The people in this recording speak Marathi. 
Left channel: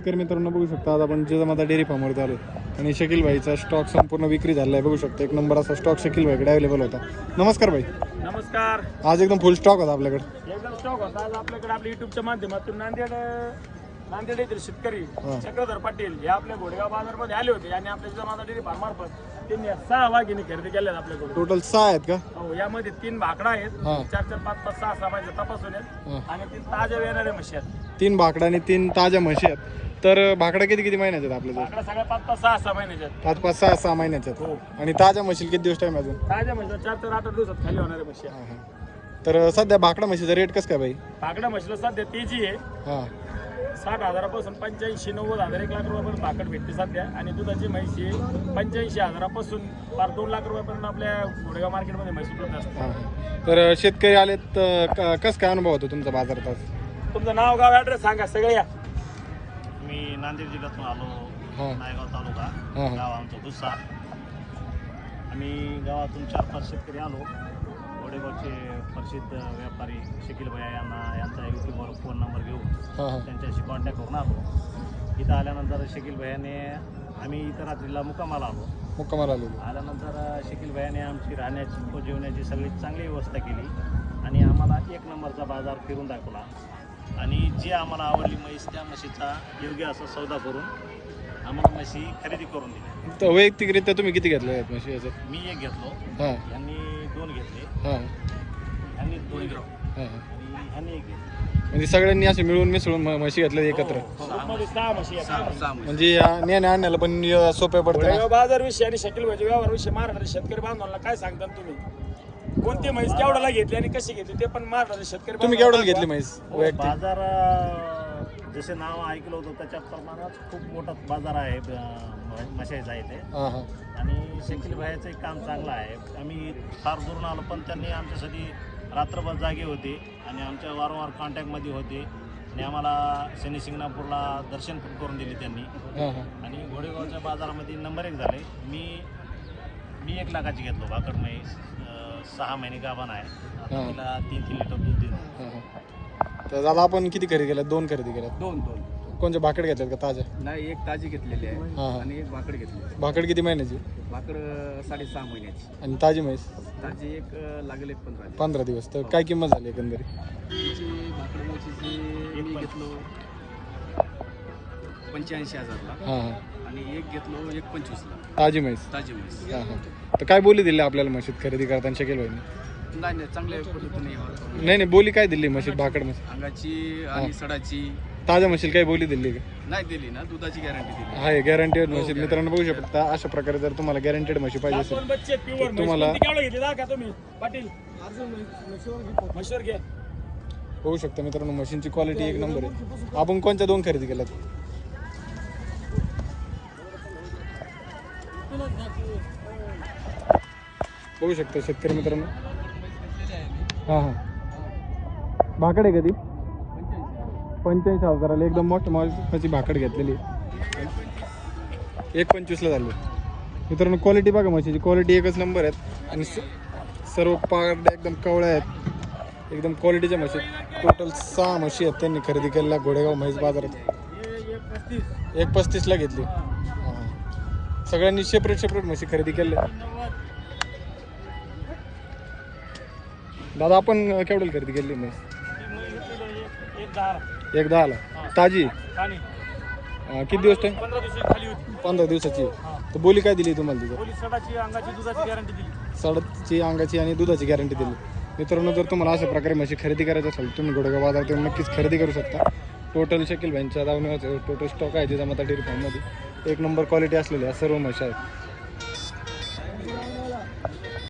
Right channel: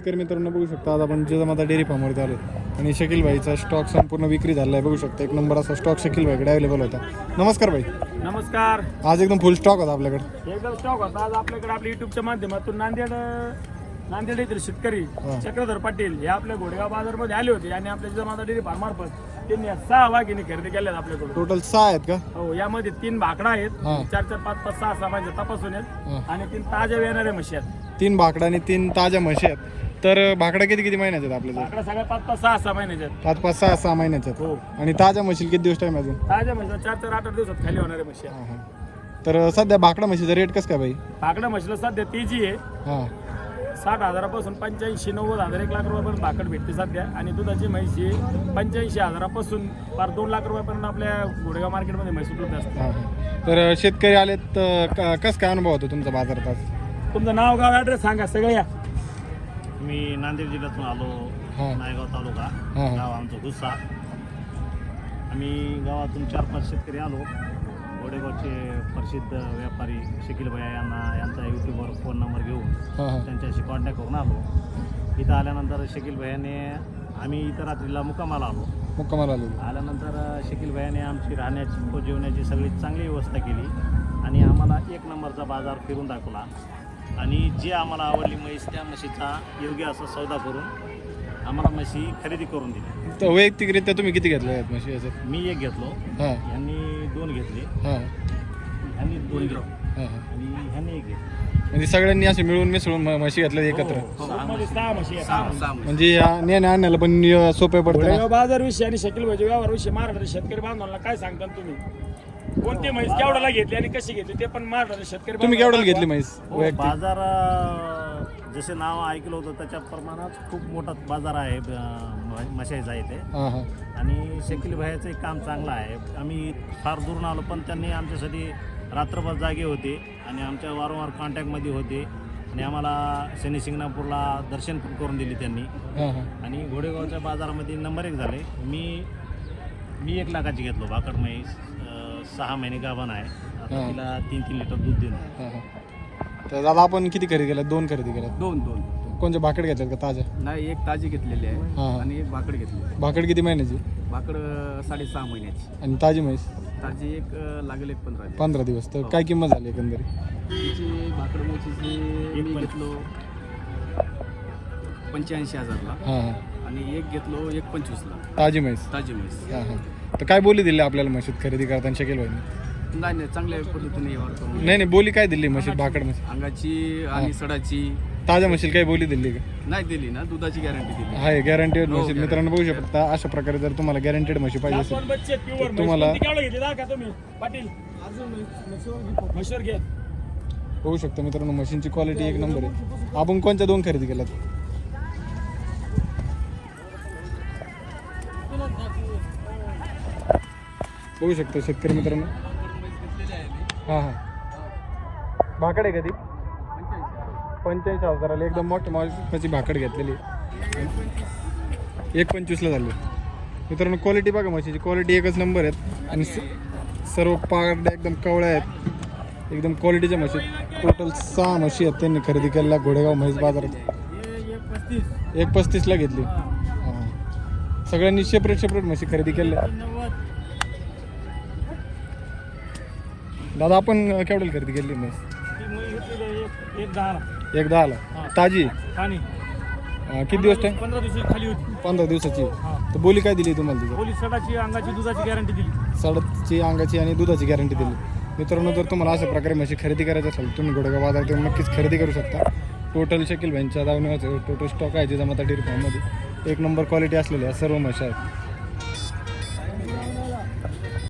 शेतकरी मित्रांनो बघू शकता आज आपण जिजामाता डेअरी फार्मवरती आलो आणि शकील भाईचा स्टॉक संपूर्ण विक्री झाला आहे बघू शकता एक नंबर असा स्टॉक शकील भाईकडे अवेलेबल होता. नमस्कार भाई नमस्कार. आज एकदम फुल स्टॉक होता आपल्याकडे. एकदम स्टॉक होता. आज आपल्याकडे आपल्या युट्यूबच्या माध्यमातून नांदेड नांदेड येथील शेतकरी हो. चक्रधर पाटील हे आपल्या घोडेगाव बाजारमध्ये आले होते. आणि आपल्या जिजामाता डेअरी फार्म मार्फत त्यांनी सहा वाघिणी खरेदी केल्या आपल्याकडून. टोटल सहा आहेत का? हो यामध्ये तीन भाकडा आहेत. हो. चार चार पाच पाच सहा सहा महिने तपासून आहेत. हो. आणि तीन ताज्या येणाऱ्या म्हशी आहेत. तीन भाकडा आणि तीन ताज्या म्हशी आहेत. तर भाकडा किती किती महिन्याचे आहेत आपल्याकडे भाकडा सगळ्या पाच पाच सहा सहा महिन्याच्या आहेत. पाच पाच सहा सहा महिन्याचे हो. आहेत आणि ताज्या म्हशी किती दिवस टाइम अजून? ताज्या म्हशी चार चार आठ आठ दिवसात खाली होणाऱ्या म्हशी. आहेत. तर सध्या भाकडा म्हशीचा रेट कसं काय भाई? भाकडा म्हशीला सध्या तेजी आहे हा. साठ हजारापासून पंच्याऐंशी नव्वद हजार एक लाख रुपयापर्यंत भाकड भेटते सध्या. आणि दुधाची म्हैशी पंच्याऐंशी हजारापासून पार दोन लाख रुपयापर्यंत आपल्या गोडेगाव मार्केटमध्ये म्हैस उपलब्ध असते. तर शेतकरी आलेत तर क- कसं काय अनुभव होतो तुमचा बाजारात आज? तुमचं नाव गाव ॲड्रेस सांगा सगळे या. मी नांदेड जिल्ह्यातून आलो. नायगाव तालुका. गाव आमचं गुस्सा आम्ही गावातून चार पाच शेतकरी आलो. गोडेगावचे प्रसिद्ध व्यापारी शकील भैया यांना यांचा यूट्यूबवर फोन नंबर घेऊन. त्यांच्याशी कॉन्टॅक्ट करून आलो. इथं आल्यानंतर शकील भैयाने आम्ही इथं रात्रीला मुक्कामाला आलो. मुक्कामाला आलेलो. आल्यानंतर शकील भैयाने आमची राहण्याची व जेवण्याची सगळी चांगली व्यवस्था केली आणि आम्हाला एक नंबरचा बाजार फिरून दाखवला. आणि जी आम्हाला आवडली म्हैस त्या म्हशीचा योग्य असा सौदा करून आम्हाला म्हशी खरेदी करून दिली. तर वैयक्तिकरित्या तुम्ही किती घेतल्या आहेत म्हशी याच्यात? मी एक घेतलो हा. ह्यांनी दोन घेतले. हा. ह्यांनी दोन घेतलो हा, हा. आणि ह्यांनी एक घेतली. म्हणजे सगळ्यांनी असे मिळून मिसळून म- म्हशी घेतल्या एकत्र. सहा म्हशी. म्हणजे या नेण्या आणण्याला पण अं, सोपे पडते ना गोडेगाव बाजार विषयी आणि शकील भाजी व्यवहार विषयी महाराष्ट्र शेतकरी बांधवांना काय सांगता तुम्ही? कोणती म्हैस केवढ्याला घेतली आणि कशी घेतली ते पण महाराष्ट्र शेतकरी तुम्ही केवढ्याला घेतली म्हैस? हो, वैयक्तिक. बाजार अं, जसे नाव ऐकलं होतं त्याच्या प्रमाणात खूप मोठा बाजार आहे अं, इथे हा, हा. आणि शकील भाईचं काम चांगलं आहे. आम्ही फार दूरून आलो पण त्यांनी आमच्यासाठी रात्रभर जागे होते आणि आमच्या वारंवार कॉन्टॅक्टमध्ये होते. आणि आम्हाला शनी शिंगणापूरला दर्शन पण करून दिले त्यांनी. हा, हा. आणि घोडेगावच्या बाजारामध्ये नंबर एक झाले. मी मी एक लाखाची घेतलो भाकड म्हैस. सहा महिने गाभण आहे. आता तिला तीन तीन लिटर दूध देतो हा, हा. तर दादा आपण किती खरेदी केल्या दोन खरेदी केल्या दोन दोन. कोणत्या भाकड घेतल्यात का? ताज्या नाही एक ताजी घेतलेली आहे हा, हा. आणि एक भाकड घेतली भाकड किती महिन्याची? भाकड अं, साडेसहा महिन्याची. आणि ताजी म्हैस? ताजी एक अं, लागेल एक पंधरा दिवस. पंधरा दिवस. तर काय किंमत झाली एकंदरीत? तिची भाकड मोचीची एक मी पण. घेतलो पंच्याऐंशी हजारला. हा हा. आणि एक घेतलो एक पंचवीसला. ताजी म्हैस. ताजी म्हैस. हा हा. तर काय बोली दिली आपल्याला म्हशीत खरेदी करताना शकेल भाई नाही नाही चांगल्या पद्धतीने व्यवहार करून नाही नाही बोली काय दिली म्हशीत? भाकड म्हशी अंगाची आणि सडाची. ताज्या म्हशील काय बोली दिली का? नाही दिली ना दुधाची गॅरंटी दिली. आहे गॅरंटेड हो, म्हशीत. guaranteed. मित्रांनो बघू शकता अशा प्रकारे जर तुम्हाला गॅरंटेड म्हशी पाहिजे असेल म्हैस. तुम्हाला- बघू शकता मित्रांनो मशीनची क्वालिटी एक नंबर आहे. आपण कोणत्या दोन खरेदी केल्यात? बघू शकता शेतकरी मित्रांनो. हां हां. भाकड आहे कधी पंच्याऐंशी हजाराला एकदम मोठी मालकाची भाकड घेतलेली एक पंचवीसला झाली. मित्रांनो क्वालिटी बघा म्हशीची. क्वालिटी एकच नंबर आहेत. आणि स- सर्व पारड्या एकदम कवळ्या आहेत. एकदम क्वालिटीच्या म्हशी टोटल सहा म्हशी आहेत त्यांनी खरेदी केलेल्या घोडेगाव म्हैस बाजारात. एक पस्तीसला घेतली. सगळ्यांनी सेपरेट सेपरेट म्हशी खरेदी केल्या. दादा आपण केवढ्याला खरेदी केली म्हैस ती एक- एक दहाला. एक दहाला. ताजी? आणि किती दिवस टाइम पंधरा दिवसाची खाली होती. पंधरा दिवसाची. हा. तर बोली काय दिली तुम्हाला तिथं? पोलीस सडाची अंगाची दुधाची गॅरंटी दिली. साडाची अंगाची आणि दुधाची गॅरंटी दिली. मित्रांनो जर तुम्हाला अशा प्रकारे म्हशी खरेदी करायची असेल तुम्ही गोडेगाव बाजारात येऊन नक्कीच खरेदी करू शकता. टोटल शकील व्हॅनच्या दावण्याचं टोटल स्टॉक आहे जिजामाता डेअरी फार्ममध्ये एक नंबर क्वालिटी असलेल्या सर्व म्हशी आहेत.